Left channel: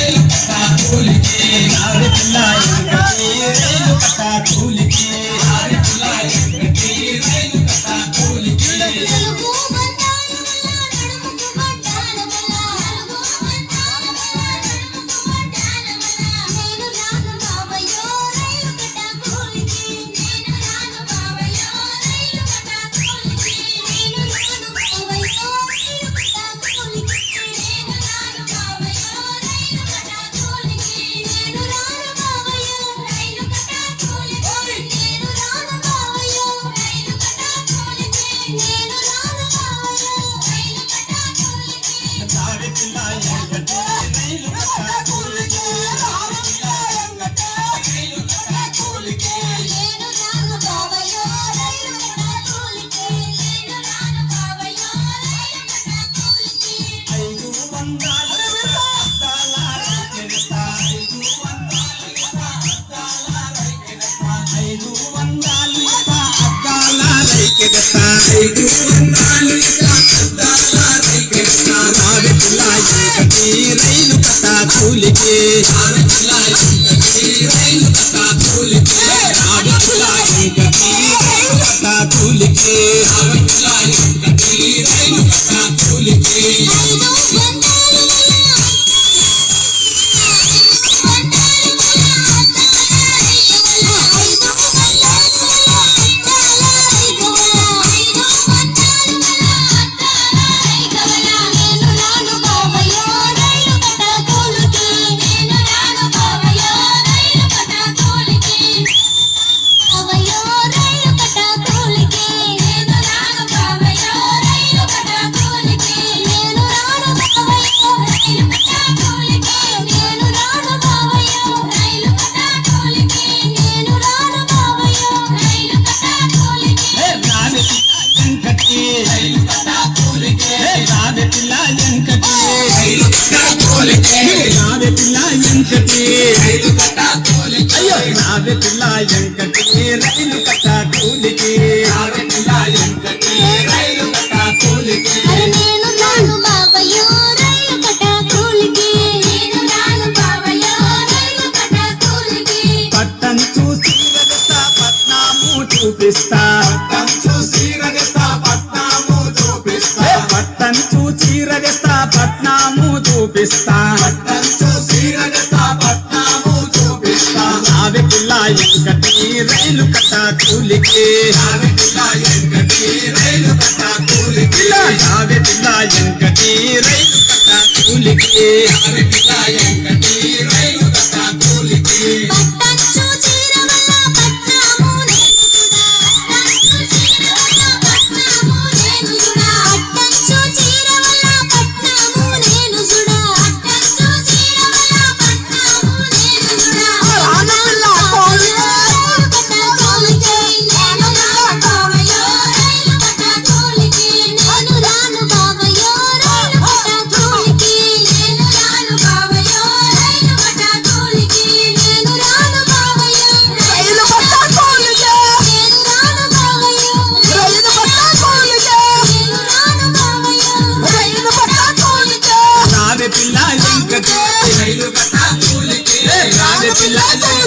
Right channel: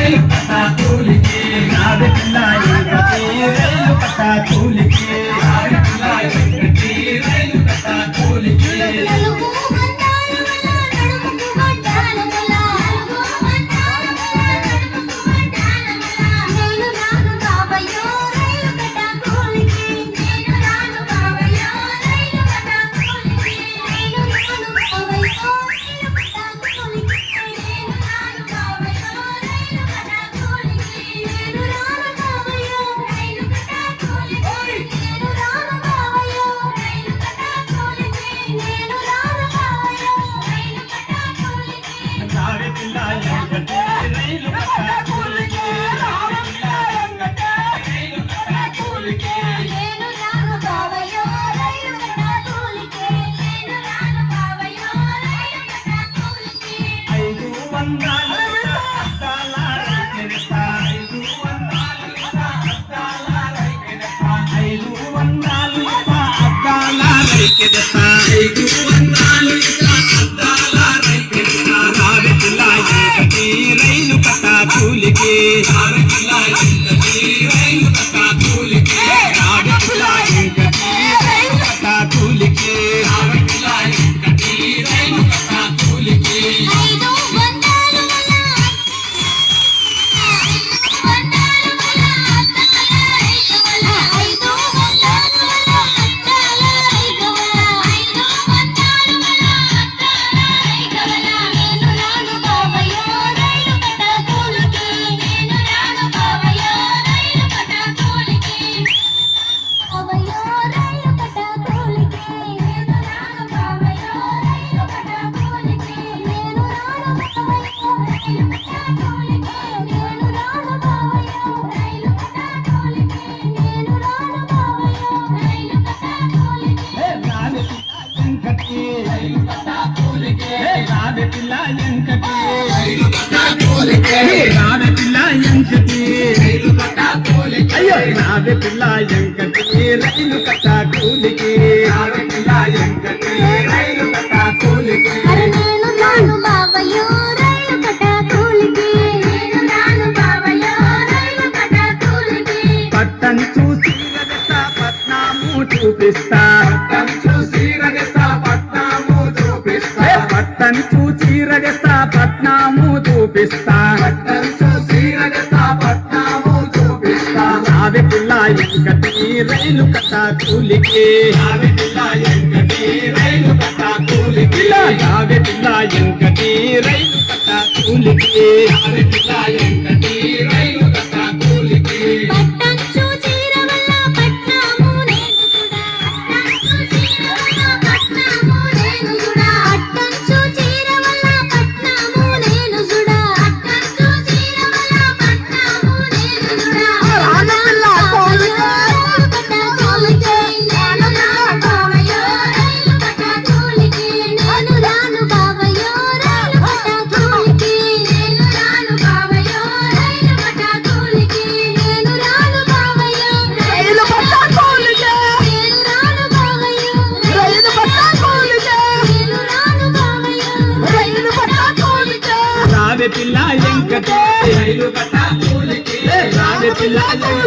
రైలు కట్టా కూలికి రావే పిల్ల ఎంకటి రైలు కట్టా కూలికి రావే పిల్ల ఎంకటి రైలు కట్టా కూలికి రైలు కట్టా కూలికి రావే పిల్ల ఎంకటి రైలు కట్టా కూలికి రావే పిల్ల ఎంకటి రైలు కట్టా కూలికి రావే పిల్ల ఎంకటి రైలు కట్టా కూలికి రావే పిల్ల ఎంకటి రైలు కట్టా కూలికి రావే పిల్ల ఎంకటి రైలు కట్టా కూలికి రావే పిల్ల ఎంకటి రైలు కట్టా కూలికి రావే పిల్ల ఎంకటి రైలు కట్టా కూలికి పట్టను చూసి రగస్తా పట్నాము చూపిస్తా పట్టను చూసి రగస్తా పట్నాము చూపిస్తా పట్టను చూసి రగస్తా పట్నాము చూపిస్తా పట్టను చూసి రగస్తా పట్నాము చూపిస్తా రావే పిల్ల ఎంకటి రైలు కట్టా కూలికి రావే పిల్ల ఎంకటి రైలు కట్టా కూలికి రావే పిల్ల ఎంకటి రైలు కట్టా కూలికి రావే పిల్ల ఎంకటి రైలు కట్టా కూలికి పిల్ల ఎంకటి రైలు కట్టా కూలికి రావే పిల్ల ఎంకటి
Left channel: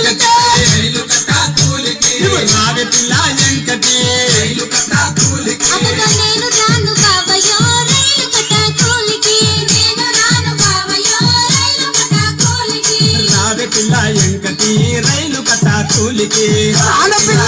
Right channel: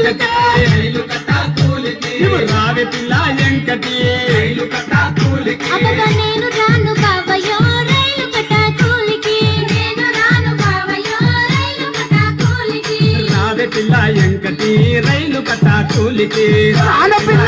రైలు కట్టా కూలికి రావే పిల్ల ఎంకటి రైలు కట్టా కూలికి నేను రాను బావయ్యో రైలు కట్టా కూలికి నేను రాను బావయ్యో రైలు కట్టా కూలికి రావే పిల్ల ఎంకటి రైలు కట్టా కూలికి రావే పిల్ల